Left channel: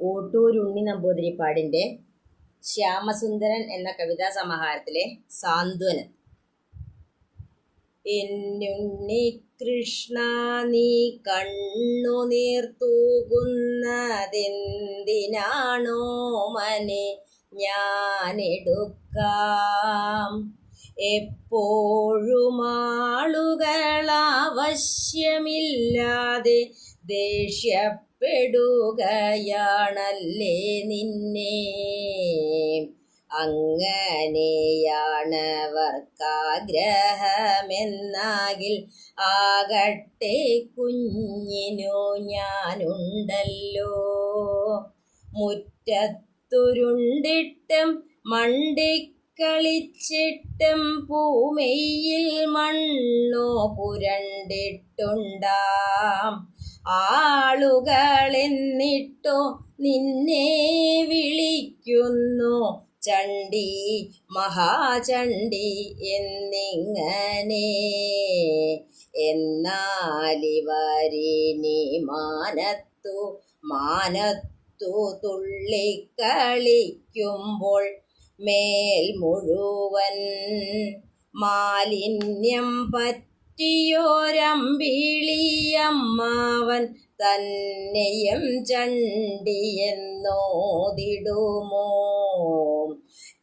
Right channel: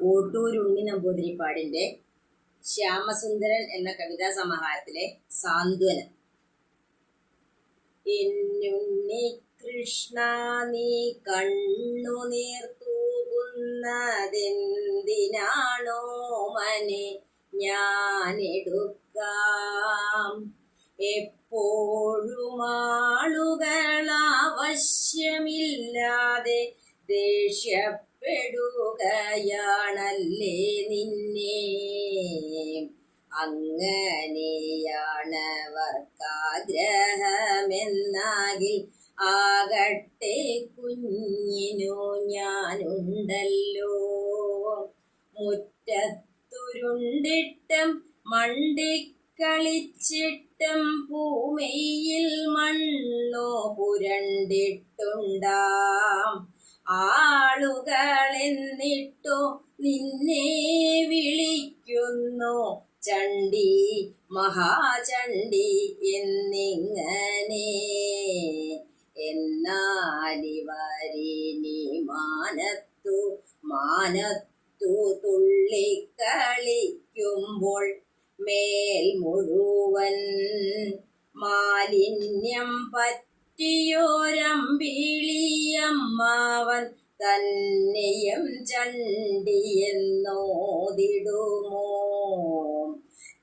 ഓട്ടൂർ ഉണ്ണി നമ്പൂതിരിപ്പാടിന്റെ ശ്യാമസുന്ദരൻ എന്ന കവിതാ സമാഹാരത്തിലെ സാന്ത്വനം. എന്നുണ്ണി കൃഷ്ണ നീ കണ്ണു നീർത്തൂകുന്നതെന്തിനാണോ മനെ? ഞാനെടുക്കാം എപ്പോഴും ആളുകളാവശ്യമില്ലാതെ ദേഷ്യപ്പെടുകയാണല്ലേ നിന്നെ? അങ്ങനെയാണവർക്കാഗ്രഹമെന്നാകിൽ ആകട്ടെ കുഞ്ഞിനു ഞാനുണ്ടല്ലോ. മുറ്റത്തുരുണ്ടിട്ടും മണ്ടിക്കളിച്ചിട്ടും ഭൂമിയിൽ മണ്ണോ പുരണ്ടിട്ടുണ്ടാം. ആളുകളെന്നിട്ടോ നിന്നെ വിളിക്കുന്നു. ചണ്ടി മഹാചണ്ടി എന്നിങ്ങനെ. എന്നാലിവരിനി മാനത്തു മാനത്തു തുള്ളിക്കളിക്കുമ്പോൾ മേൽ മുഴുവൻ മാലിന്യം പറ്റിയോരമ്പിളിയമ്മാവൻ തന്നെയും ചണ്ടിയെന്നോതിടുമോ?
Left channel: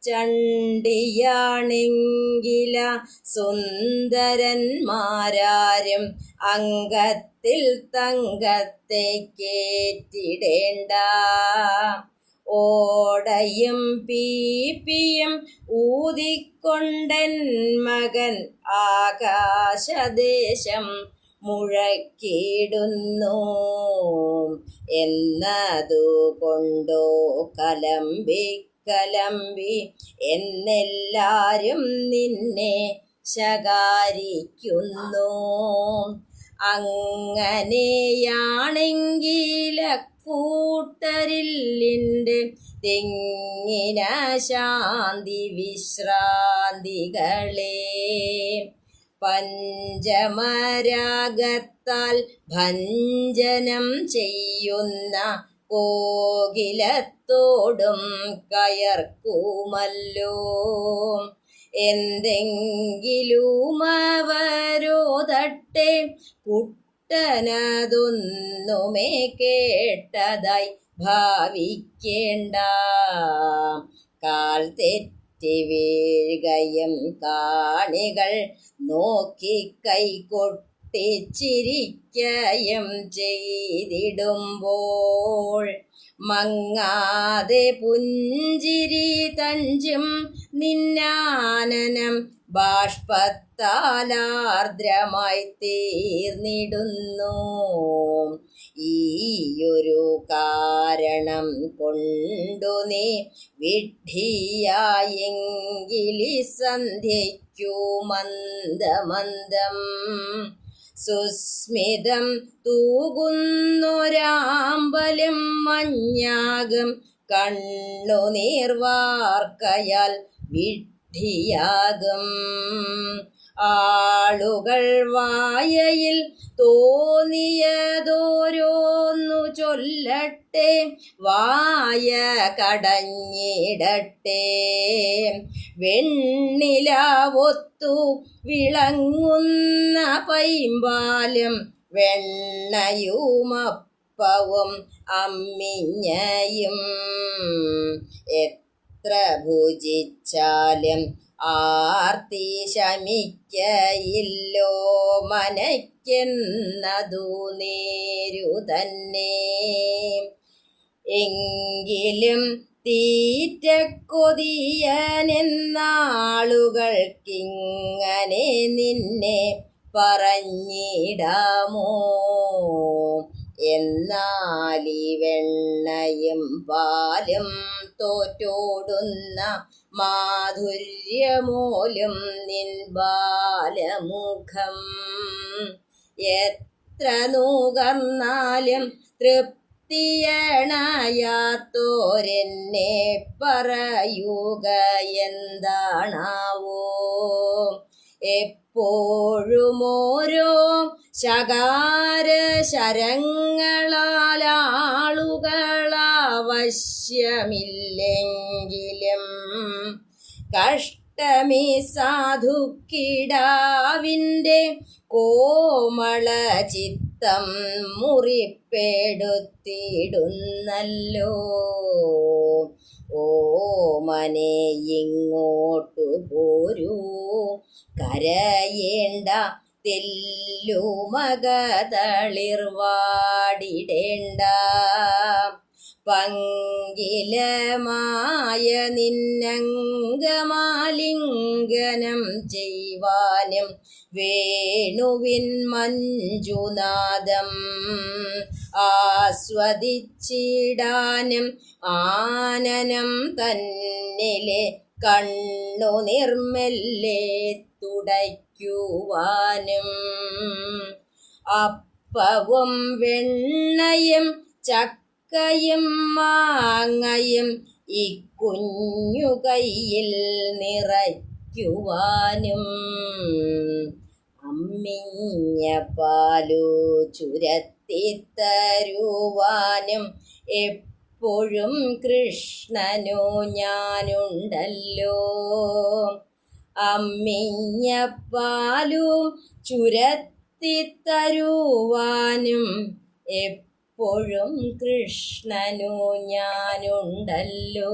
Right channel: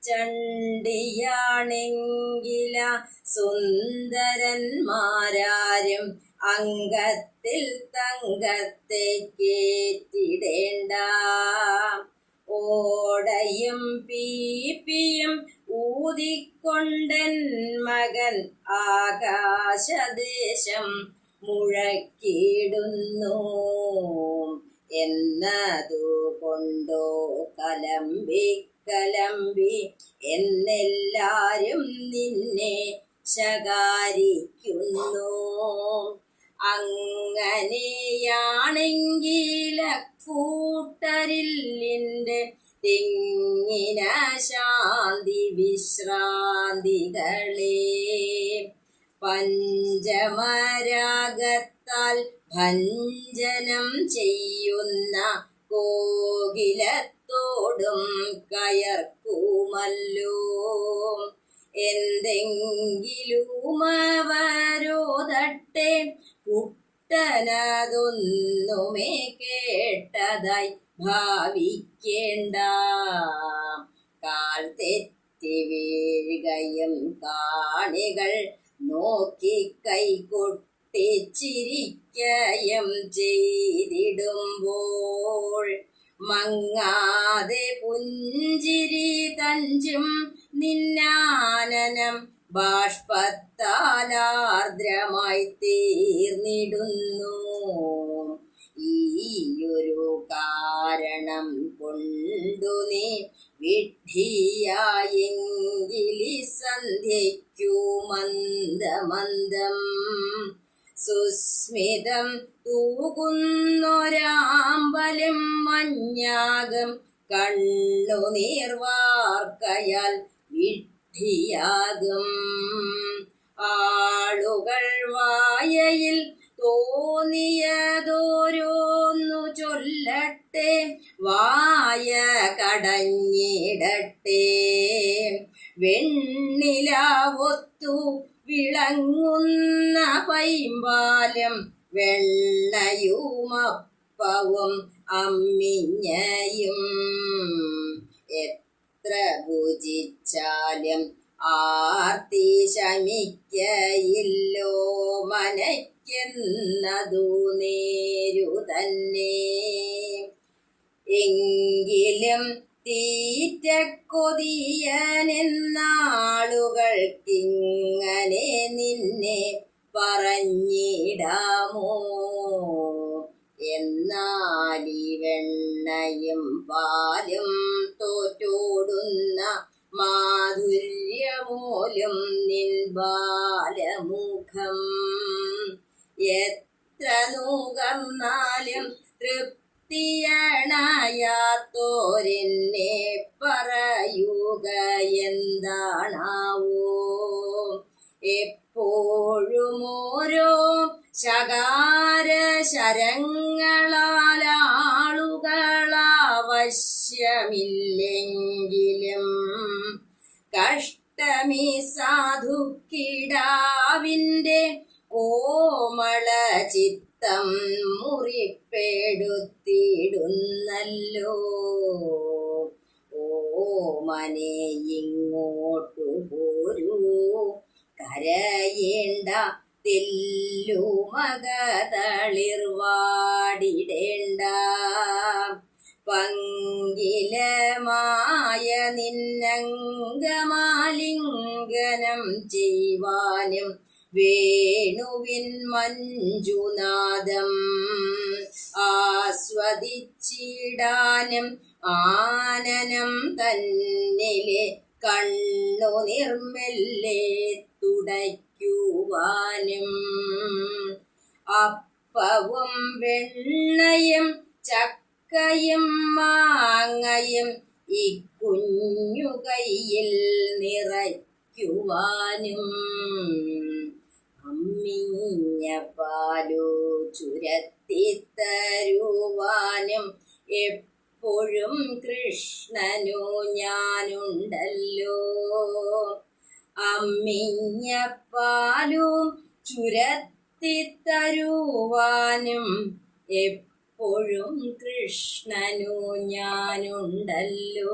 ചണ്ടിയാണെങ്കില സുന്ദരന്മാരാരും അംഗത്തിൽ തങ്കത്തെ കേറ്റിടേണ്ട ഓടയും പീപ്പിയും ഊതിക്കൊണ്ടൻ മകൻ ആകാശദേശം മുഴക്കിടുന്നു എന്നതു കൊണ്ടോ കലമ്പി കലമ്പി എന്നെല്ലാരും നിന്നെ ശകാരിക്കുന്നു. അങ്ങനെയാണെങ്കിൽ കൂട്ടരില്ലിന്റെ തെങ്ങിന ശാന്തി വിശ്രാന്തികളെ. പഞ്ചമരാഗത്താൽ ഭഞ്ജനം ചെയ്യുന്ന കോകിലത്തോടും കയർക്കുമല്ലോ. എന്തെങ്കിലും അവരോധട്ടെ കുട്ടനതൊന്നുമേ കേട്ടതായി ഭാവിക്കേണ്ട. കാൽ തെറ്റി വീഴുകയും കാണികൾ നോക്കി കൈകൊട്ടിച്ചിരിക്കയും ചെയ്തിടുമ്പോൾ മങ്ങാതെ പുഞ്ചിരി തഞ്ചും നിന്നാനനം ബാഷ്പത്താലാർദ്രമായി തീർന്നിടുന്നു. ഈയൊരു കാരണം കൊണ്ടു നീ വിഡ്ഢിയായെങ്കിലി സന്ധ്യയ്ക്കു മന്ദമന്ദം. സുസ്മിതം തൂകുന്നൊരാമ്പലും മഞ്ഞാകം കണ്ണുനീർവാർക്കയാൽ വിഡ്ഢിയാകും ആളുകൾ വായയിൽ തോന്നിയതോരോന്നു ചൊല്ലട്ടെ വായ കടഞ്ഞിടട്ടെ. വെണ്ണിലാവൊത്തു വിളങ്ങുന്ന പൈമ്പാലം വെണ്ണയുമപ്പവും അമ്മിഞ്ഞയും. എത്ര ഭുജിച്ചാലും ആർത്തി ശമിക്കയില്ലോ മനയ്ക്കുന്നതു നേരു തന്നെ. എങ്കിലും തീറ്റക്കൊതിയനെന്നാളുകൾക്കിങ്ങനെ നിന്നെ പറഞ്ഞിടാമോ? എന്നാലി വെണ്ണയും പാലും തോറ്റോടുന്ന മാധുര്യമൂലം നിൻ ബാലമുഖം. എത്ര നൂകർന്നാലും തൃപ്തിയണയാത്തോരെന്നെ പറയുക എന്താണാവോ? എപ്പോഴും ഓരോ ശകാര ശരങ്ങളാൽ ആളുകളാ കഷ്ടമേ സാധുക്കിടാവിന്റെ കോമള ചിത്തം മുറിപ്പെടുത്തിയിടുന്നല്ലോ. ഓമനെ ഇങ്ങോട്ടു പോരൂ. കരയേണ്ട തെല്ലുമകതളിർവാടിടേണ്ട. പങ്കിലമായ നിന്നംഗമാലിംഗനം ചെയ്യുവാനും വേണുവിൻ മഞ്ജുനാദം ആസ്വദിച്ചിടാനും ആനനം തന്നിലെ കണ്ണു നിർമ്മല്ലേ തുടയ്ക്കുവാനും അപ്പവും വെണ്ണയും ചക്കയും മാങ്ങയും ഈ കുഞ്ഞു നിറയ്ക്കുവാനും അമ്മിഞ്ഞ പാലു ചുരത്തിത്തരുവാനും എപ്പോഴും കൃഷ്ണനു ഞാനുണ്ടല്ലോ. അമ്മിഞ്ഞ പാലും ചുരത്തിത്തരുവാനും എപ്പോഴും കൃഷ്ണനു ഞാനുണ്ടല്ലോ.